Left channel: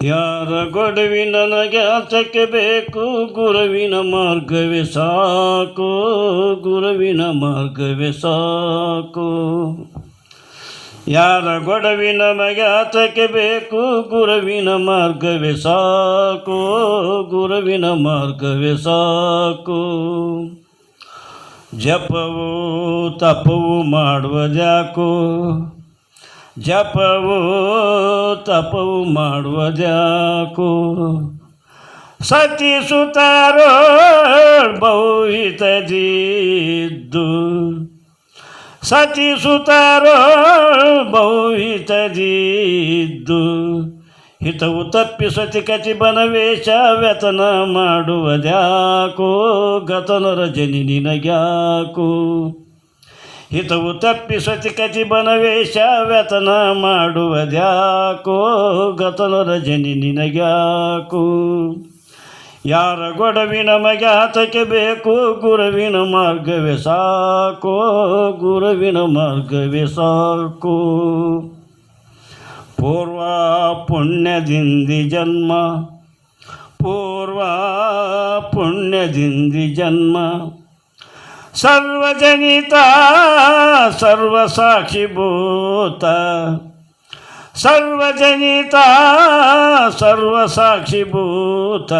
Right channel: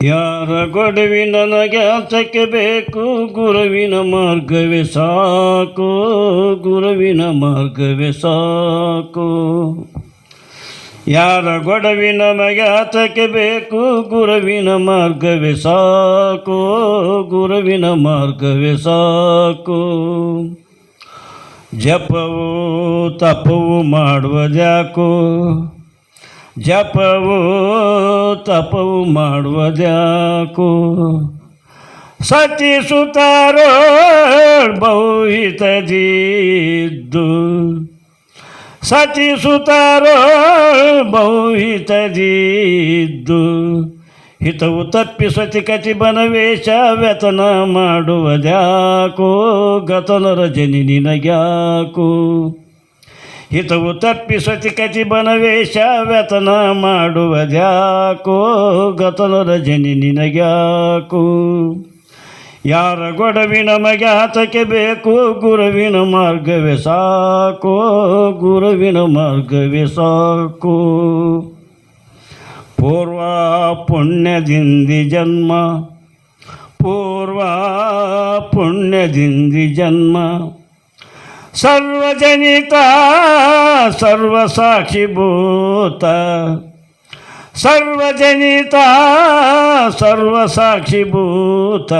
ಯಾರ ಗೊಡವಿ ನನಗ್ಯಾತಕ್ಕೆ ಬೇಕು, ಗುರುವಿನ ಮಾರ್ಗವೇ ಸಾಕು, ಗುರುವಿನ ಮಾರ್ಗವೇ ಸಾಕು. ಯಾರ ಗೊಡವಿ ನಮಗ್ಯಾತಕ್ಕೆ ಬೇಕು, ಗುರುವಿನ ಮಾರ್ಗವೇ ಸಾಕು, ಗುರುವಿನ ಮಾರ್ಗವೇ ಸಾಕು. ಜಪವು ತಪವು ಮಾಡುವುದ್ಯಾಕೋ, ಜಪವು ತಪವು ಮಾಡುವುದ್ಯಾಕೋ. ಸತಿ ಸುತಾರೋ ಬಹುಹಿತದಿದ್ದು, ಸತಿ ಸುತಾರೋ ಬಹುಹಿತದಿದ್ದು. ಹಿತವು ತಪ್ಪಿ ಸತಿಕತಿ ಬನವೇಶ ವ್ಯತನ ಮಾಡುವುದ್ಯಾಕೋ, ಗತನರ ಜನಿ ನಿನಗ್ಯಾಕೋ. ಹಿತವು ತಪ್ಪಿ ಸತಿಕತಿ ಬನವೇಶ ವ್ಯತನ ಮಾಡುವುದ್ಯಾಕೋ, ಗತನರ ಜನಿ ನಿನಗ್ಯಾಕೋ. ಯಾರ ಗೊಡವಿ ನಮಗ್ಯಾತಕ್ಕೆ ಬೇಕು, ಗುರುವಿನ ಮಾರ್ಗವೇ ಸಾಕು, ಗುರುವಿನ ಮಾರ್ಗವೇ ಸಾಕು. ಪೂರ್ವ ಪುಣ್ಯದಿಂದಿ ಜನ್ಮ, ಪೂರ್ವ ಪುಣ್ಯದಿಂದಿ ಜನ್ಮ. ಸರ್ವಜನಿತ ಸರ್ವಸಾಕ್ಷಿಭೂತ, ಸರ್ವಜನಿತ ಸರ್ವಸಾಕ್ಷಿಭೂತ.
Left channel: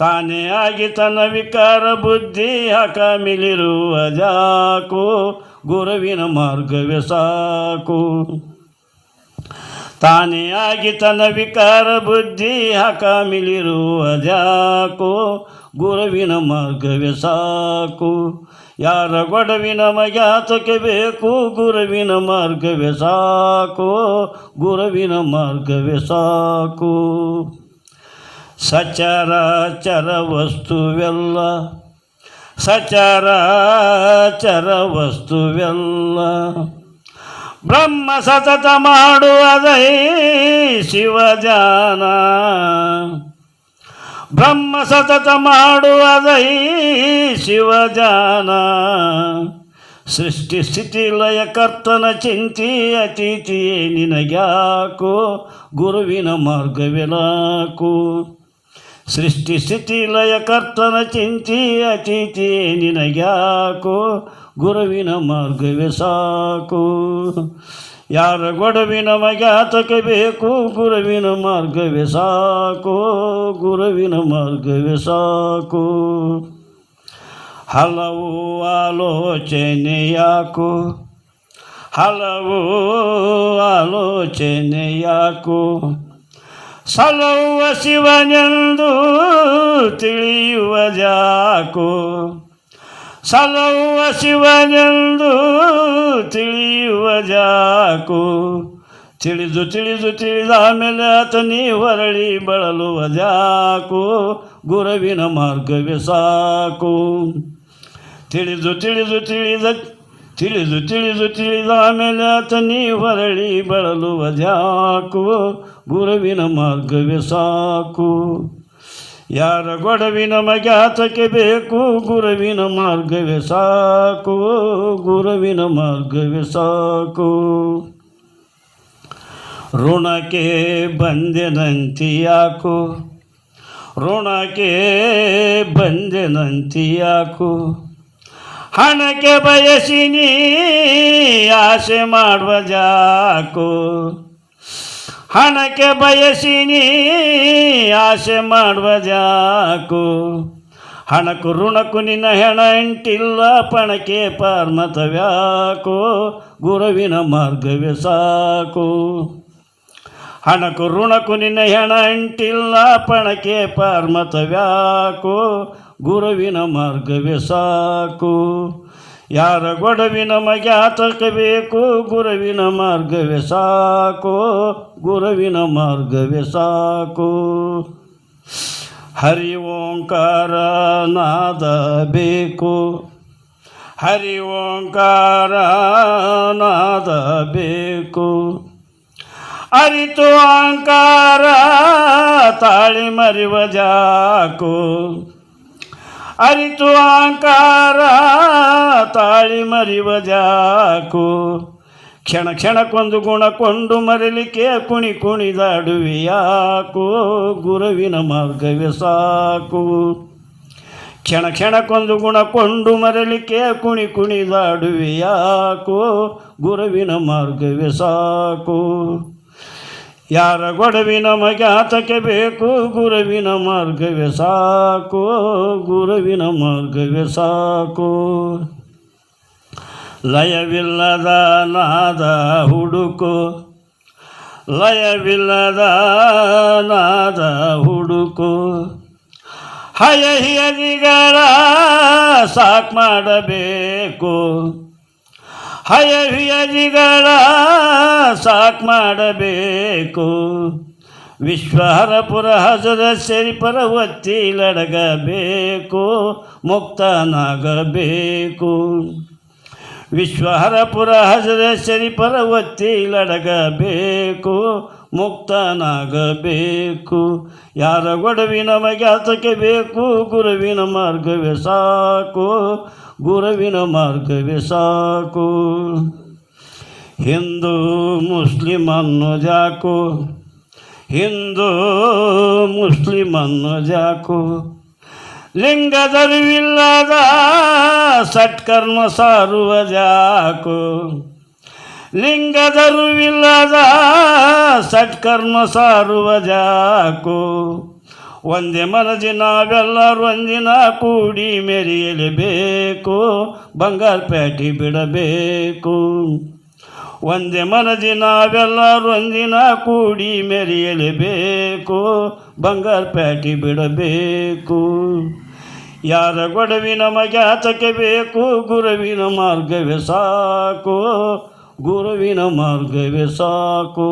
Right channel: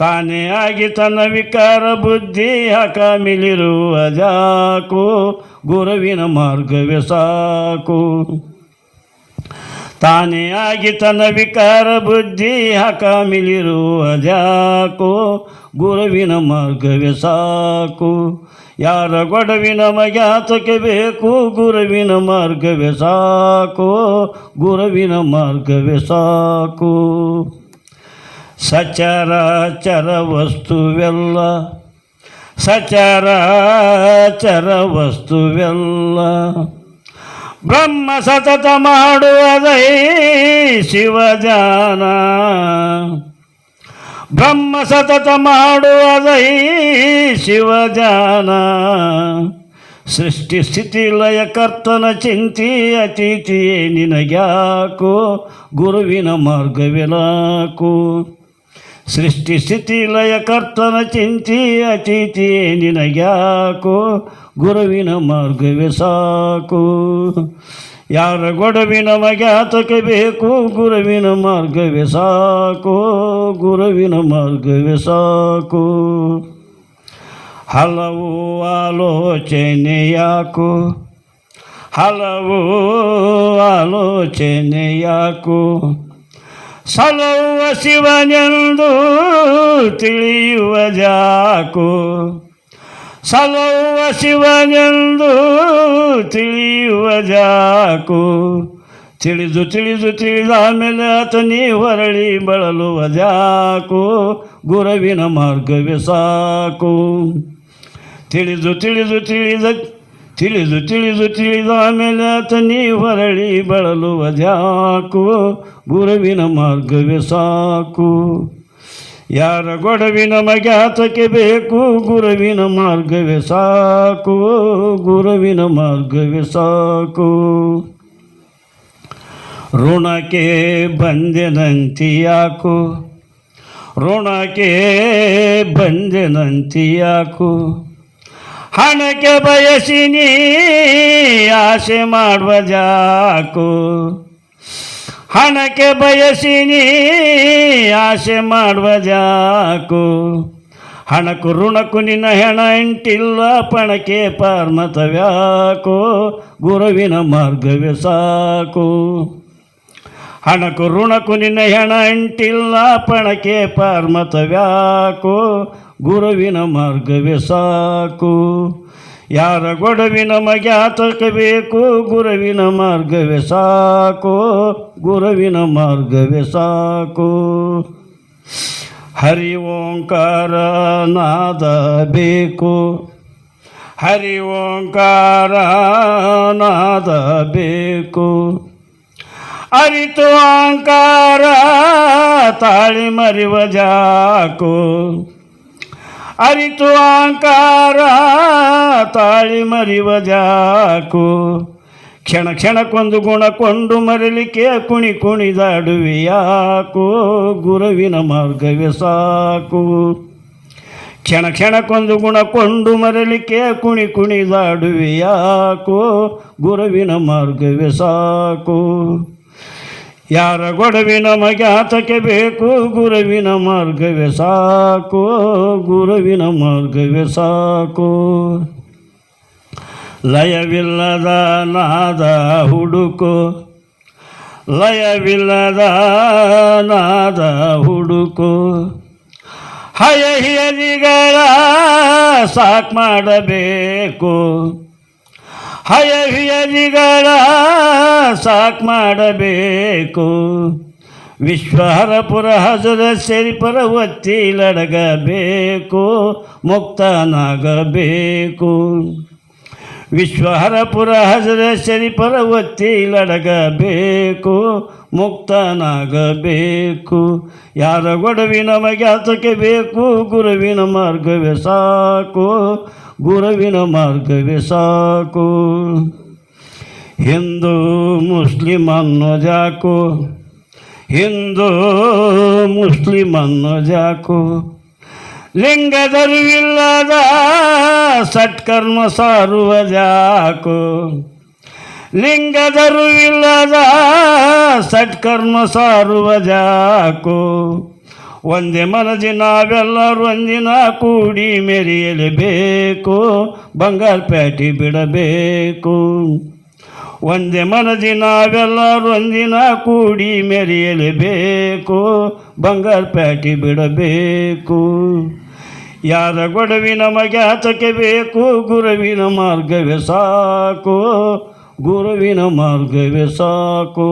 ತಾನೇ ಆಗಿ ತನ್ನ ವಿಕಾರ ಬುದ್ಧಿ ಹಕಾಮಿಲಿರುವುದ್ಯಾಕೋ, ಗುರುವಿನ ಮಾರ್ಗವೇ ಸಾಕು. ತಾನೇ ಆಗಿ ತನ್ನ ವಿಕಾರ ಬುದ್ಧಿ ಹಕಾಮಿಲಿರುವುದ್ಯಾಕೋ, ಗುರುವಿನ ಮಾರ್ಗವೇ ಸಾಕು. ಯಾರ ಗೊಡವಿ ನಮಗ್ಯಾತಕ್ಕೆ ಬೇಕು, ಗುರುವಿನ ಮಾರ್ಗವೇ ಸಾಕು, ಗುರುವಿನ ಮಾರ್ಗವೇ ಸಾಕು. ಸಚರಾಚರ ವಸ್ತುವೆಲ್ಲ, ಸಚರಾಚರ ವಸ್ತುವೆಲ್ಲ. ಬ್ರಹ್ಮ ಸತತ ಮಾಡುವುದೈ ಶಿವಜಾನ, ಬ್ರಹ್ಮ ಸತತ ಮಾಡುವುದೈ ಶಿವಜಾನ. ಸೃಷ್ಟಿ ಸ್ಥಿತಿ ಲಯ ಕರ್ತನ ಚಿಂತಿ ಅತಿಥಿಯೇ ನಿನಗ್ಯಾಕೋ, ಗುರುವಿನ ಮಾರ್ಗವೇ ನಾಕು. ಸೃಷ್ಟಿ ಸ್ಥಿತಿ ಲಯ ಕರ್ತನ ಚಿಂತಿ ಅತಿಥಿಯೇ ನಿನಗ್ಯಾಕೋ, ಗುರುವಿನ ಮಾರ್ಗವೇ ಸಾಕು. ಯಾರ ಗೊಡವಿ ನಮಗ್ಯಾತಕ್ಕೆ ಬೇಕು, ಗುರುವಿನ ಮಾರ್ಗವೇ ಸಾಕು, ಗುರುವಿನ ಮಾರ್ಗವೇ ಸಾಕು. ಹಲವು ಆಲೋಚನೆಯಾಕು, ಹಲವು ಆಲೋಚನೆಯಾಕು. ಸಲುವ ಶಿವನೆಂದು ತಿಳಿಯುವುದ್ಯಾಕೋ, ಸಲುವ ಶಿವನೆಂದು ತಿಳಿಯುವುದ್ಯಾಕೋ. ತಿಳಿದು ತಿಳಿದು ತಿಳಿದ ಮೇಲೆ ಆತನಿ ಹೊರಳಿ ಬಳಲುವುದ್ಯಾಕೋ, ಗುರುವಿನ ಮಾರ್ಗವೇ ಸಾಕು. ತಿಳಿದು ತಿಳಿದು ತಿಳಿದ ತಿಳಿದು ತಿಳಿದು ತಿಳಿದ ಮೇಲೆ ಆತನಿ ಹೊರಳಿ ಬಳಲುವುದ್ಯಾಕೋ, ಗುರುವಿನ ಮಾರ್ಗವೇ ಸಾಕು. ಯಾರ ಗೊಡವಿ ನಮಗ್ಯಾತಕ್ಕೆ ಬೇಕು, ಗುರುವಿನ ಮಾರ್ಗವೇ ಸಾಕು, ಗುರುವಿನ ಮಾರ್ಗವೇ ಸಾಕು. ಋಣಕ್ಕೆ ಬಂದೆನಂತಿಯಾಕು, ಋಣಕ್ಕೆ ಬಂದೆನಂತಿಯಾಕು. ಹಣಕ್ಕೆ ಬಯಸಿ ನೀ ಆಸೆ ಮಾಡುವುದ್ಯಾಕೋ, ಹಣಕ್ಕೆ ಬಯಸಿ ನೀ ಆಸೆ ಮಾಡುವುದ್ಯಾಕೋ. ಹಣಕ್ಕೂ ಋಣಕ್ಕೂ ನಿನ್ನ ಹೆಣ ಇಂಟಿಲ್ಲ, ಪಣಕ್ಕೆ ಪಾರ್ಮತವ್ಯಾಕೋ, ಗುರುವಿನ ಮಾರ್ಗವೇ ಸಾಕು. ಹಣಕ್ಕೂ ಋಣಕ್ಕೂ ನಿನ್ನ ಹೆಣ ಇಂಟಿಲ್ಲ, ಪಣಕ್ಕೆ ಪಾರ್ಮತವ್ಯಾಕೋ, ಗುರುವಿನ ಮಾರ್ಗವೇ ಸಾಕು. ಯಾರ ಗೊಡವಿ ನಮಗ್ಯಾತಕ್ಕೆ ಬೇಕು, ಗುರುವಿನ ಮಾರ್ಗವೇ ಸಾಕು, ಗುರುವಿನ ಮಾರ್ಗವೇ ಸಾಕು. ಹರಿ ಓಂಕಾರ ನಾದ ಬೇಕು, ಹರಿ ಓಂಕಾರ ನಾದ ಬೇಕು. ಅರಿತು ಅಹಂಕಾರ ತಾಳಿ ಮರಿವದ್ಯಾಕೋ, ಅರಿತು ಅಹಂಕಾರ ತಾಳಿ ಮರಿವದ್ಯಾಕೋ. ಕ್ಷಣ ಕ್ಷಣಕ್ಕೊಂದು ಗುಣ ಕೊಂಡು ಮರಲಿಕ್ಕೆ ಕುಣಿ ಕುಣಿದಾಡುವೆ ಯಾಕೋ ಗುರುವಿನ ಮಾರ್ಗವೇ ಸಾಕು. ಕ್ಷಣ ಕ್ಷಣಕ್ಕೊಂದು ಗುಣ ಕೊಂಡು ಮರಲಿಕ್ಕೆ ಕುಣಿ ಕುಣಿದಾಡುವೆ ಯಾಕೋ ಗುರುವಿನ ಮಾರ್ಗವೇ ಸಾಕು. ಯಾರ ಗೊಡವಿ ನಮಗೆ ಆತಕ್ಕೆ ಬೇಕು ಗುರುವಿನ ಮಾರ್ಗವೇ ಸಾಕು ಗುರುವಿನ ಮಾರ್ಗವೇ ಸಾಕು. ಲಯವಿಲ್ಲದ ನಾದ ಹುಡುಕು ಲಯವಿಲ್ಲದ ನಾದ ಹುಡುಕು. ಹಯಹಿಯದಿಗಳ ಸಾಕ್ ಮಾಡಬೇಕು ಹಯಹಿಯದಿಗಳ ಸಾಕ್ ಮಾಡಬೇಕು. ವಿಶ್ವಹರಪುರ ಹಜರ ಸೇರಿಪರ ಒತ್ತಿ ಲಡಗಬೇಕು ಮುಕ್ತನಾಗಬೇಕು. ವಿಶ್ವಹರಪುರ ಹಜರ ಸರಿಪರ ಒತ್ತಿ ಲಡಗಬೇಕು ಮುಕ್ತನಾಗಬೇಕು. ಯಾರ ಗೊಡವಿ ನಮಗೆ ಆತಕ್ಕೆ ಬೇಕು ಗುರುವಿನ ಮಾರ್ಗವೇ ಸಾಕು ಗುರುವಿನ ಮಾರ್ಗವೇ ಸಾಕು. ಹಿಂದೂ ಮುಸ್ಲಿಮ್ ಅನ್ನೋದ್ಯಾಕೋ ಹಿಂದೂ ಮುಸ್ಲಿಮ್ ಅನ್ನೋದ್ಯಾಕೋ. ಲಿಂಗದರಿವಿಲ್ಲದ ಸತ್ಕರ್ಮ ಸಾರುವುದ್ಯಾಕೋ ಲಿಂಗದರಿವಿಲ್ಲದ ಸತ್ಕರ್ಮ ಸಾರುವುದ್ಯಾಕೋ. ಒಂದೇ ಮನದಿ ನಾವೆಲ್ಲರೂ ಒಂದಿನ ಕೂಡಿ ಮೆರೆಯಲೇಬೇಕು ಬಂಗಾರ ಪ್ಯಾಟಿ ಬಿಡಬೇಕು. ಒಂದೇ ಮನದಿ ನಾವೆಲ್ಲರೂ ಒಂದಿನ ಕೂಡಿ ಮೆರೆಯಲೇಬೇಕು ಬಂಗಾರ ಪ್ಯಾಟಿ ಬಿಡಬೇಕು. ಯಾರ ಗೊಡವಿ ನಮಗೆ ಆತಕ್ಕೆ ಬೇಕು ಗುರುವಿನ ಮಾರ್ಗವೇ ಸಾಕು ಗುರುವಿನ ಮಾರ್ಗವೇ ಸಾಕು.